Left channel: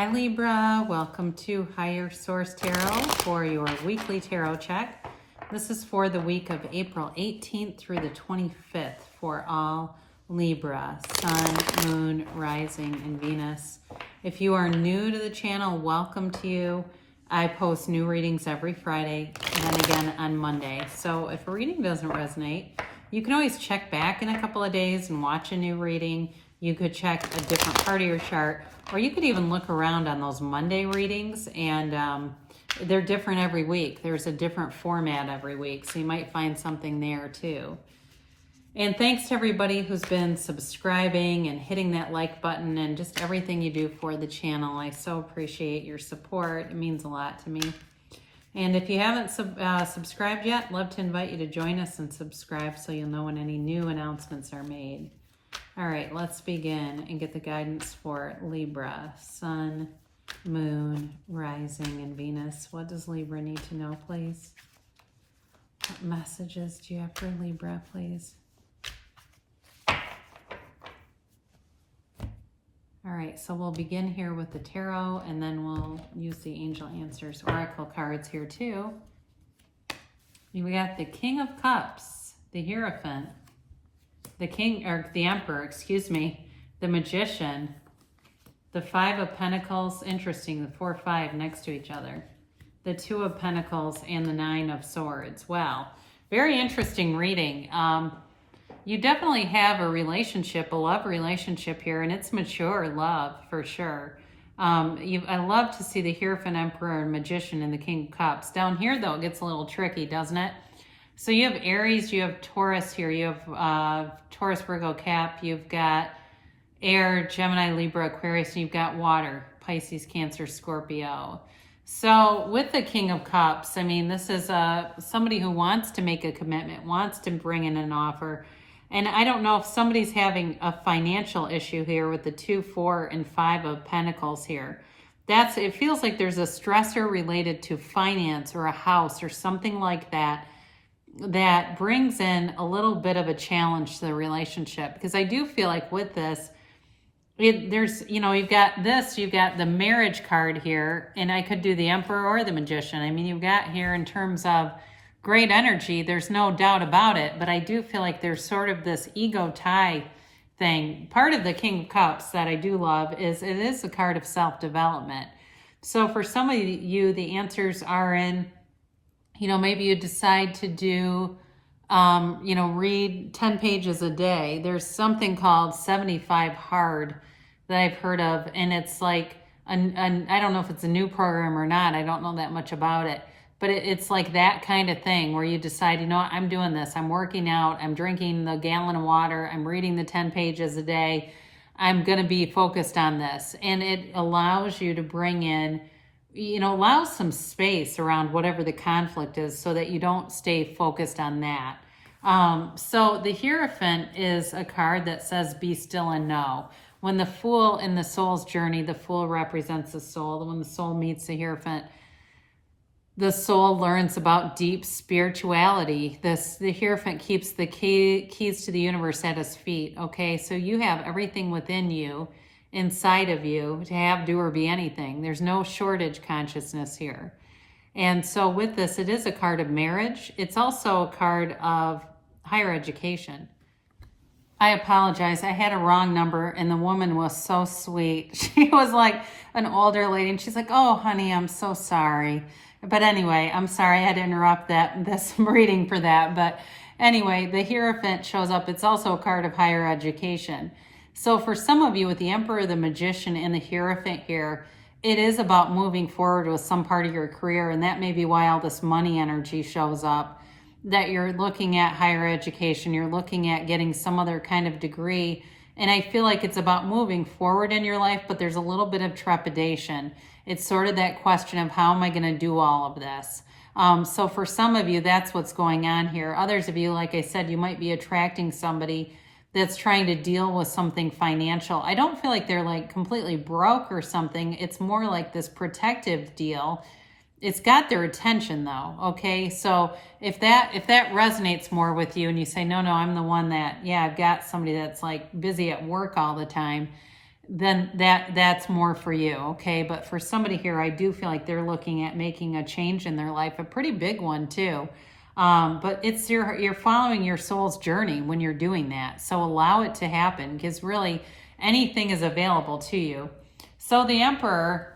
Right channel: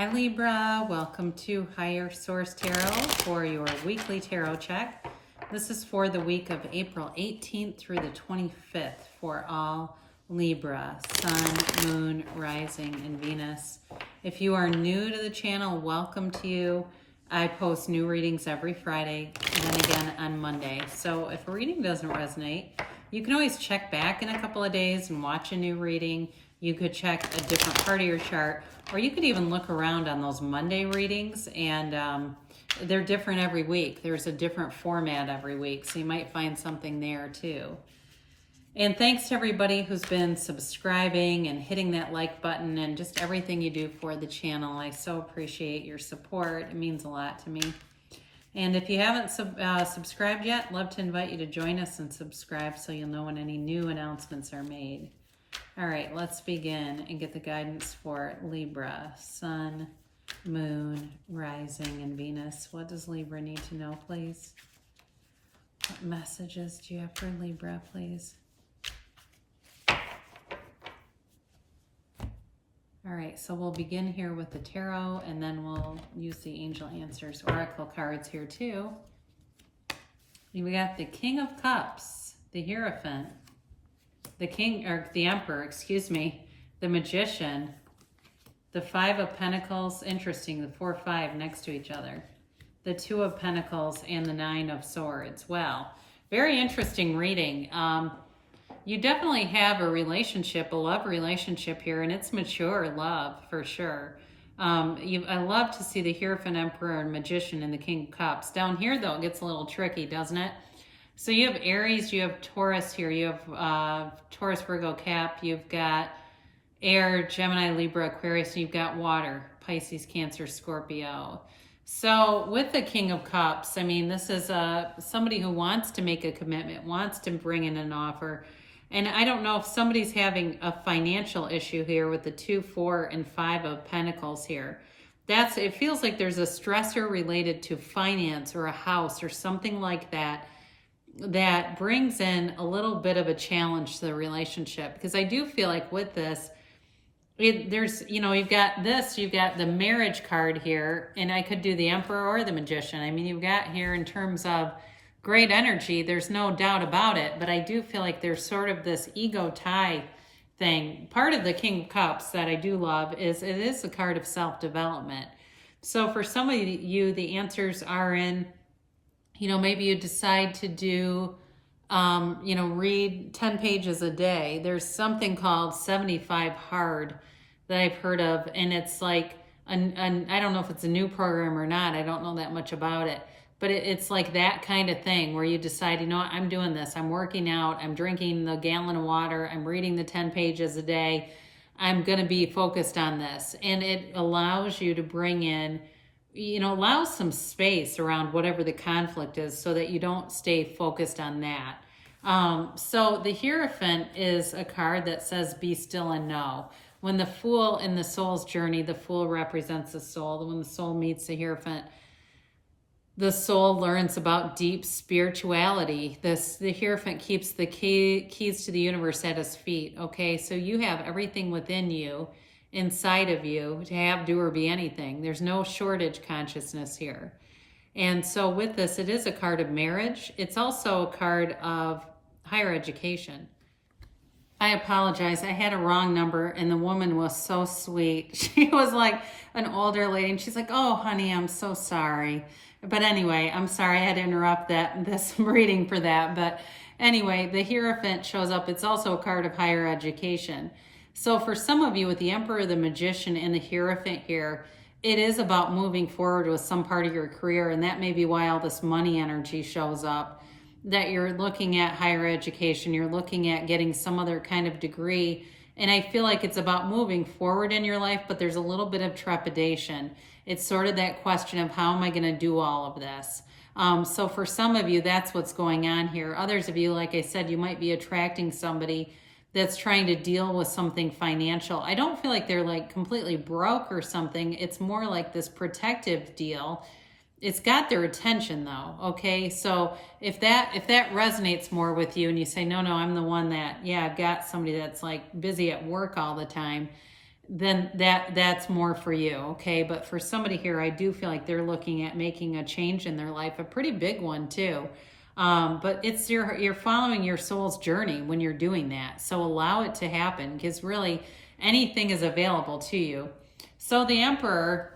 Hi Libra, welcome to Higher Source Tarot for your weekly tarot check. This is for the week of April 18th through the 25th for all Libra, Sun, Moon, Rising, and Venus. If you are new to the channel, welcome to you. I post new readings every Friday and again on Monday. So if a reading doesn't resonate, you can always check back in a couple of days and watch a new reading. You could check a different part of your chart, or you could even look around on those Monday readings, and they're different every week. There's a different format every week, so you might find something there too. And thanks to everybody who's been subscribing and hitting that like button and just everything you do for the channel. I so appreciate your support. It means a lot to me. And if you haven't subscribed yet, I'd love to invite you to join us and subscribe so you'll know when any new announcements are made. All right, let's begin and get the guidance for Libra, Sun, Moon, Rising, and Venus. What does Libra need to know, please? What messages do you have for Libra, please? All right, so we'll begin here with the tarot, and then we'll use the Angel Answers Oracle cards here too. We got the King of Cups, the Hierophant, the Emperor, excuse me, the Magician, the Five of Pentacles, interesting, the 4-5 next to each other, the Two of Pentacles, and the Nine of Swords. Wow, very interesting reading. You definitely have a relationship, a love relationship here, and it's mature love for sure. I love to see the Hierophant, Emperor, and Magician and the King of Cups. Down here, though, it gets a little tricky, doesn't it? So you have Aries, you have Taurus here, you have Taurus, Virgo, Cap, you've got Air, Gemini, Libra, Aquarius, and you've got Water, Pisces, Cancer, Scorpio. So with the King of Cups, I mean, this is somebody who wants to make a commitment, wants to bring in an offer. And I don't know if somebody's having a financial issue here with the 2, 4, and 5 of Pentacles here. It feels like there's a stressor related to finance or a house or something like that that brings in a little bit of a challenge to the relationship. Because I do feel like with this, you've got the marriage card here, and I could do the Emperor or the Magician. I mean, you've got here in terms of great energy, there's no doubt about it, but I do feel like there's sort of this ego tie thing. Part of the King of Cups that I do love is it is a card of self-development. So for some of you, the answers are in, maybe you decide to do, read 10 pages a day. There's something called 75 Hard that I've heard of, and it's like, I don't know if it's a new program or not. I don't know that much about it. But it's like that kind of thing where you decide, I'm doing this. I'm working out. I'm drinking the gallon of water. I'm reading the 10 pages a day. I'm going to be focused on this. And it allows you to bring in, allows some space around whatever the conflict is so that you don't stay focused on that. So the Hierophant is a card that says, be still and know. When the Fool in the soul's journey, the Fool represents the soul. When the soul meets the Hierophant, the soul learns about deep spirituality. The Hierophant keeps the keys to the universe at his feet. Okay, so you have everything within you, inside of you, to have, do, or be anything. There's no shortage consciousness here. And so with this, it is a card of marriage. It's also a card of higher education. I apologize. I had a wrong number, and the woman was so sweet. She was like an older lady, and she's like, oh, honey, I'm so sorry. But anyway, I'm sorry I had to interrupt this reading for that. But anyway, the Hierophant shows up. It's also a card of higher education. So for some of you with the Emperor, the Magician, and the Hierophant here, it is about moving forward with some part of your career. And that may be why all this money energy shows up, that you're looking at higher education. You're looking at getting some other kind of degree. And I feel like it's about moving forward in your life, but there's a little bit of trepidation. It's sort of that question of how am I going to do all of this? So for some of you, that's what's going on here. Others of you, like I said, you might be attracting somebody that's trying to deal with something financial. I don't feel like they're like completely broke or something. It's more like this protective deal. It's got their attention though. Okay. So if that resonates more with you and you say, no, I'm the one that, I've got somebody that's like busy at work all the time. then that's more for you, okay? But for somebody here, I do feel like they're looking at making a change in their life, a pretty big one too. But it's you're following your soul's journey when you're doing that. So allow it to happen, because really anything is available to you. So the Emperor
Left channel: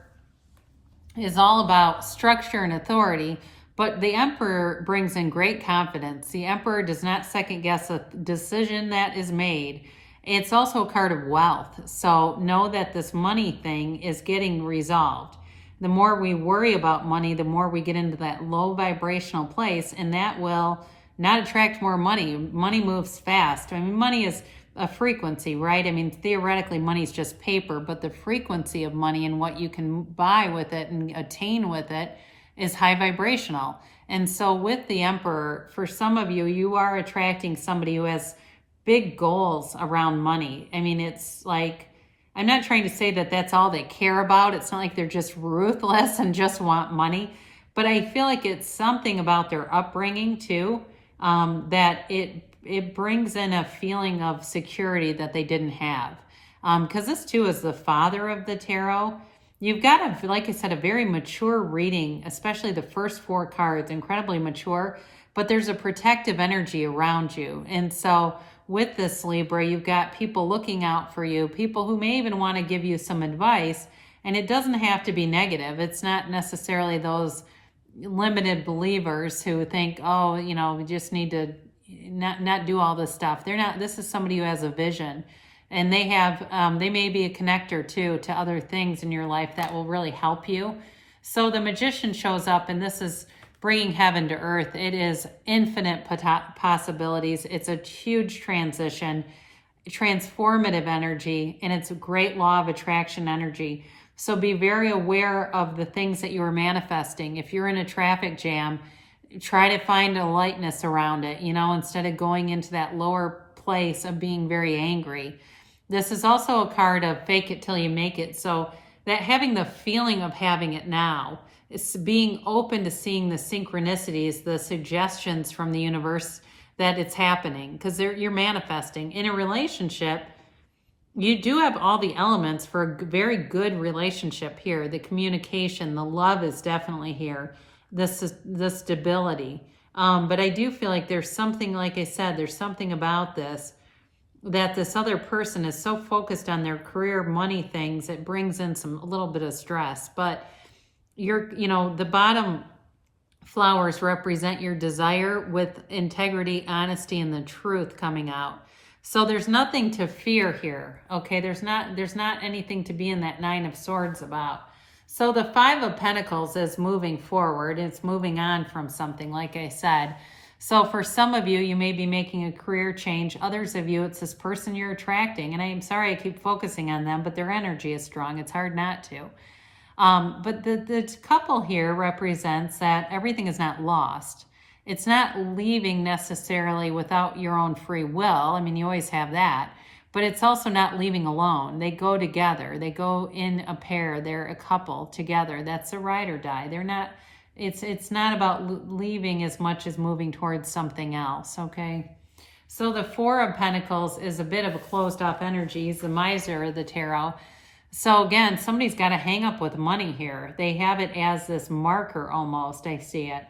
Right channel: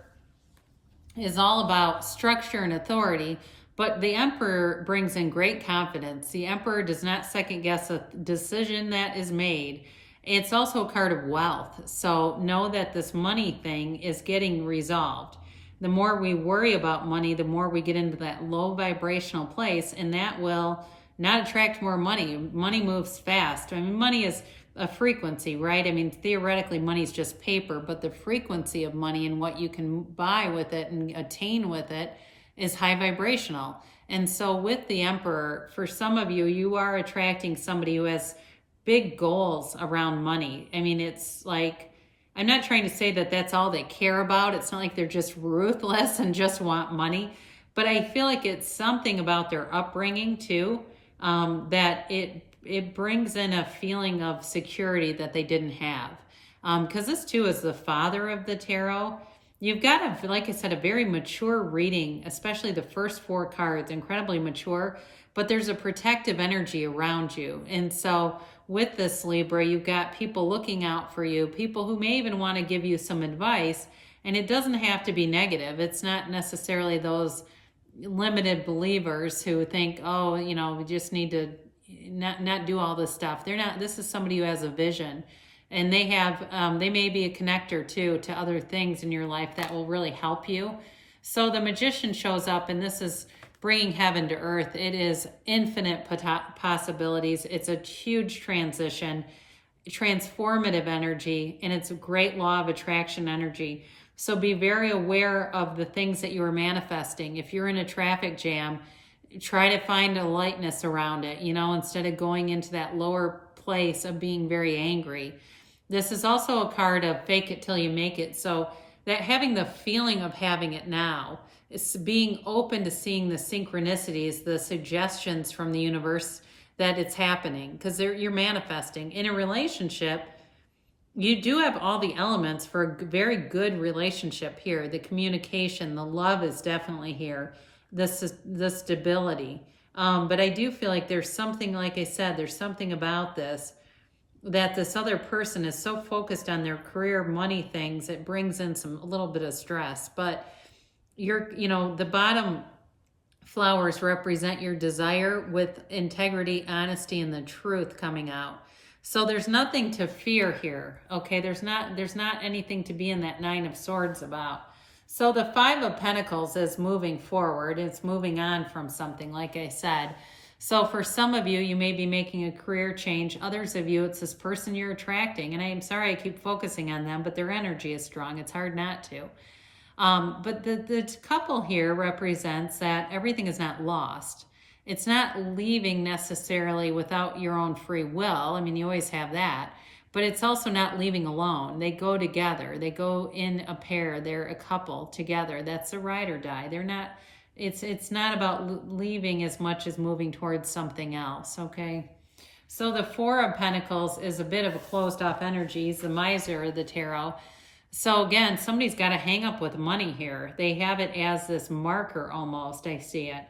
is all about structure and authority, but the Emperor brings in great confidence. The Emperor does not second guess a decision that is made. It's also a card of wealth. So know that this money thing is getting resolved. The more we worry about money, the more we get into that low vibrational place, and that will not attract more money. Money moves fast. I mean, money is a frequency, right? I mean, theoretically, money is just paper, but the frequency of money and what you can buy with it and attain with it is high vibrational. And so with the Emperor, for some of you, you are attracting somebody who has big goals around money. I mean, it's like, I'm not trying to say that that's all they care about. It's not like they're just ruthless and just want money, but I feel like it's something about their upbringing too, that it brings in a feeling of security that they didn't have. Because this too is the father of the tarot. You've got, like I said, a very mature reading, especially the first 4 cards, incredibly mature, but there's a protective energy around you. And so with this Libra, you've got people looking out for you, people who may even want to give you some advice, and it doesn't have to be negative. It's not necessarily those limited believers who think, oh, you know, we just need to not do all this stuff. They're not. This is somebody who has a vision, and they have they may be a connector too to other things in your life that will really help you. So the Magician shows up, and this is bringing heaven to earth. It is infinite possibilities. It's a huge transition, transformative energy, and it's a great law of attraction energy. So be very aware of the things that you are manifesting. If you're in a traffic jam, try to find a lightness around it, you know, instead of going into that lower place of being very angry. This is also a card of fake it till you make it. So that having the feeling of having it now, is being open to seeing the synchronicities, the suggestions from the universe that it's happening, because you're manifesting. In a relationship, you do have all the elements for a very good relationship here. The communication, the love is definitely here. The stability. But I do feel like there's something, like I said, there's something about this, that this other person is so focused on their career, money things, it brings in a little bit of stress. But the bottom flowers represent your desire with integrity, honesty, and the truth coming out. So there's nothing to fear here, okay? There's not anything to be in that 9 of Swords about. So the 5 of Pentacles is moving forward. It's moving on from something, like I said. So for some of you, you may be making a career change. Others of you, it's this person you're attracting. And I'm sorry I keep focusing on them, but their energy is strong. It's hard not to. But the couple here represents that everything is not lost. It's not leaving necessarily without your own free will. I mean, you always have that. But it's also not leaving alone. They go together. They go in a pair. They're a couple together. That's a ride or die. They're not, it's not about leaving as much as moving towards something else, okay? So the 4 of Pentacles is a bit of a closed off energy. He's the miser of the tarot. So again, somebody's got to hang up with money here. They have it as this marker almost, I see it,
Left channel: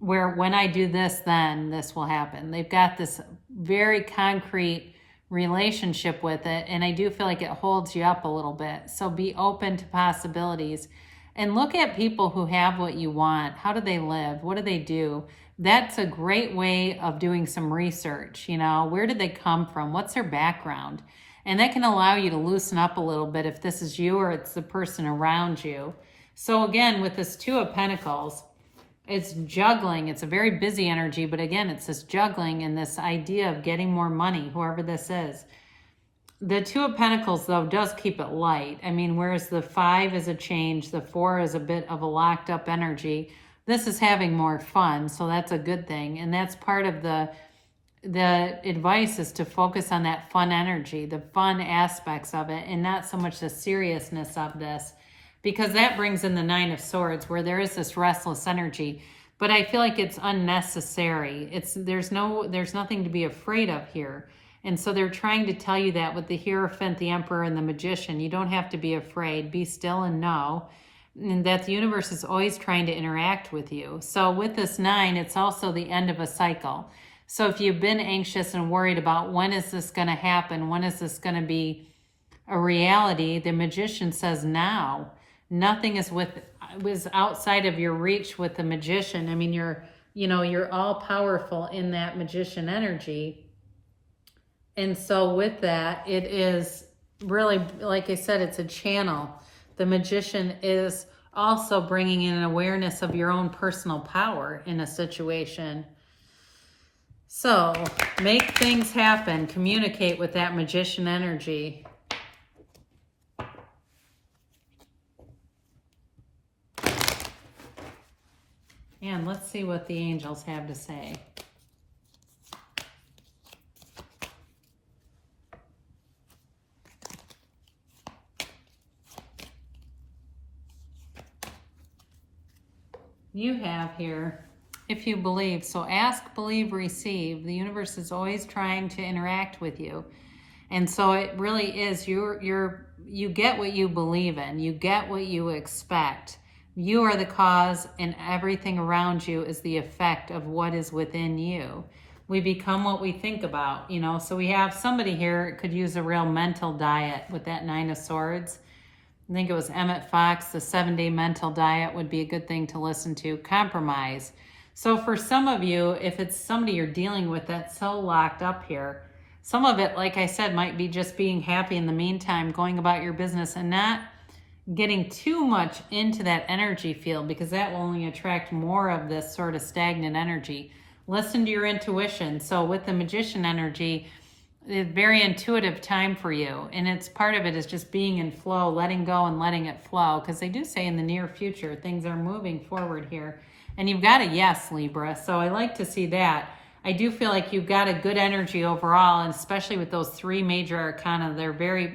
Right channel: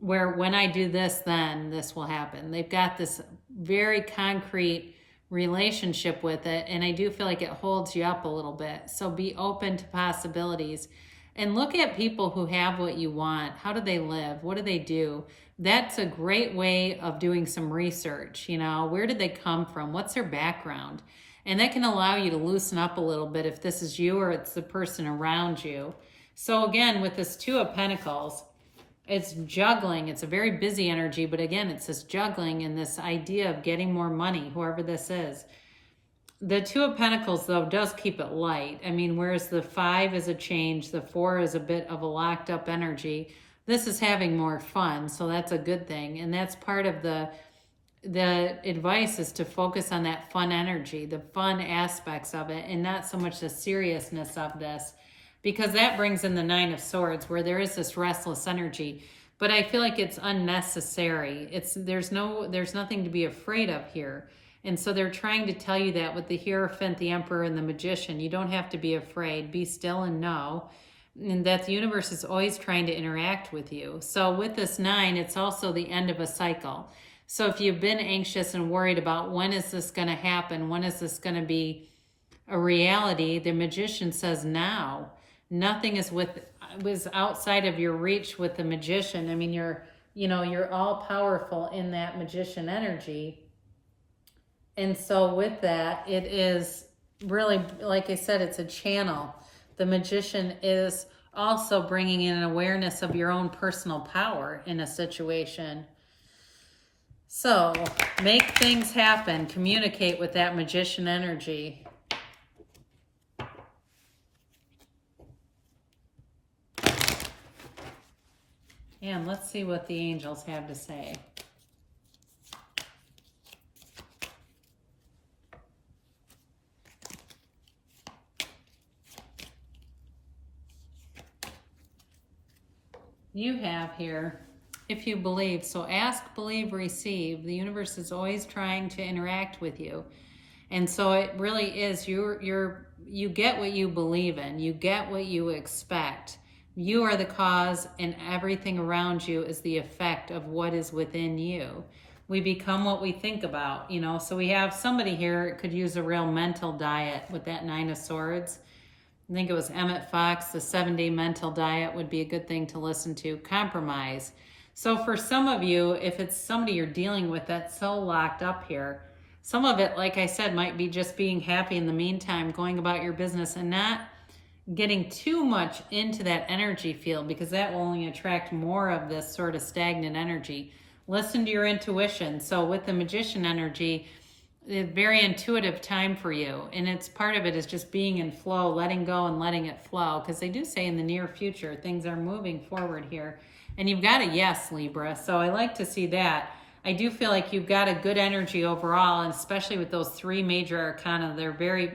where when I do this, then this will happen. They've got this very concrete relationship with it, and I do feel like it holds you up a little bit. So be open to possibilities and look at people who have what you want. How do they live? What do they do? That's a great way of doing some research. You know, where did they come from? What's their background? And that can allow you to loosen up a little bit if this is you or it's the person around you. So again, with this 2 of Pentacles, it's juggling. It's a very busy energy, but again, it's this juggling and this idea of getting more money, whoever this is. The 2 of Pentacles, though, does keep it light. I mean, whereas the 5 is a change, the 4 is a bit of a locked up energy. This is having more fun, so that's a good thing. And that's part of the advice, is to focus on that fun energy, the fun aspects of it, and not so much the seriousness of this, because that brings in the 9 of Swords, where there is this restless energy. But I feel like it's unnecessary. There's nothing to be afraid of here. And so they're trying to tell you that with the Hierophant, the Emperor, and the Magician. You don't have to be afraid. Be still and know. And that the universe is always trying to interact with you. So with this 9, it's also the end of a cycle. So if you've been anxious and worried about when is this going to happen, when is this going to be a reality, the Magician says now. Nothing was outside of your reach with the Magician. I mean, you're all powerful in that Magician energy. And so with that, it is really, like I said, it's a channel. The Magician is also bringing in an awareness of your own personal power in a situation. So make things happen. Communicate with that Magician energy. And let's see what the angels have to say. You have here, if you believe. So ask, believe, receive. The universe is always trying to interact with you. And so it really is, you get what you believe in. You get what you expect. You are the cause, and everything around you is the effect of what is within you. We become what we think about, So we have somebody here could use a real mental diet with that 9 of Swords. I think it was Emmett Fox, the 7-day mental diet would be a good thing to listen to. Compromise. So for some of you, if it's somebody you're dealing with that's so locked up here, some of it, like I said, might be just being happy in the meantime, going about your business and not getting too much into that energy field, because that will only attract more of this sort of stagnant energy. Listen to your intuition. So with the Magician energy, a very intuitive time for you, and it's part of it is just being in flow, letting go and letting it flow, because they do say in the near future things are moving forward here, and you've got a yes, Libra. So I like to see that. I do feel like you've got a good energy overall, and especially with those 3 major arcana,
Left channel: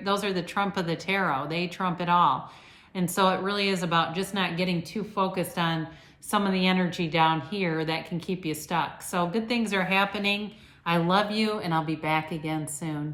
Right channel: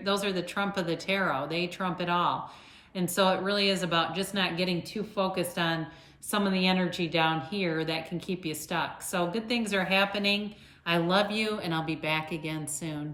those are the trump of the tarot. They trump it all. And so it really is about just not getting too focused on some of the energy down here that can keep you stuck. So good things are happening. I love you, and I'll be back again soon.